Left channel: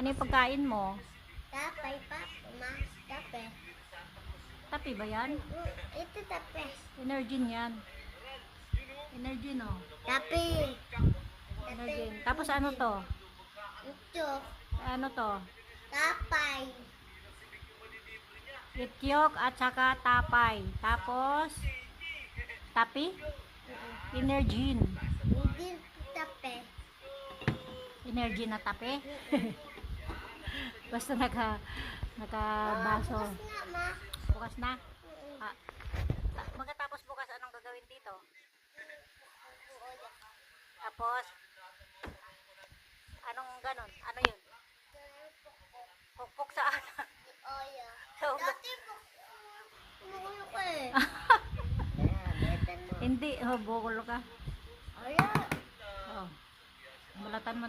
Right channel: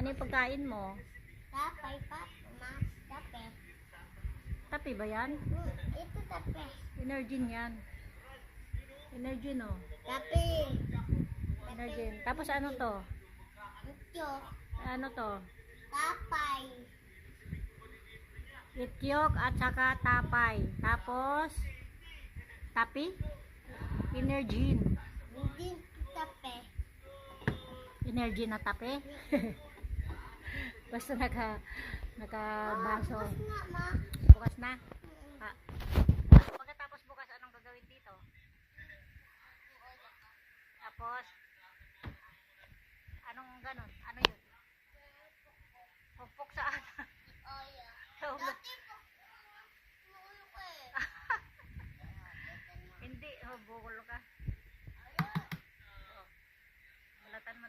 Ano yung pagkain mo? Tapay pa. Tape. Tapi ba yan? Ito tape. Energen yan. Energen oh. Tape. Energen. Tapos ano to? Ito. Ano to? Tapay. Ityok at saka tapay. Tapos tapi? Energen. Hindi tape. Energy na tape. Basta nakabaso. Bukas nga, ma. Bukas na. Ah, magkatapos bukas anong gagawin dito? Tapos anong ganon? Ano yun? Pukpok saan? Oh, yeah. Sa ulo. Dati bumulo ko eh. Hindi, bukulo ka. Oh, yeah. Oh. Balatan mo.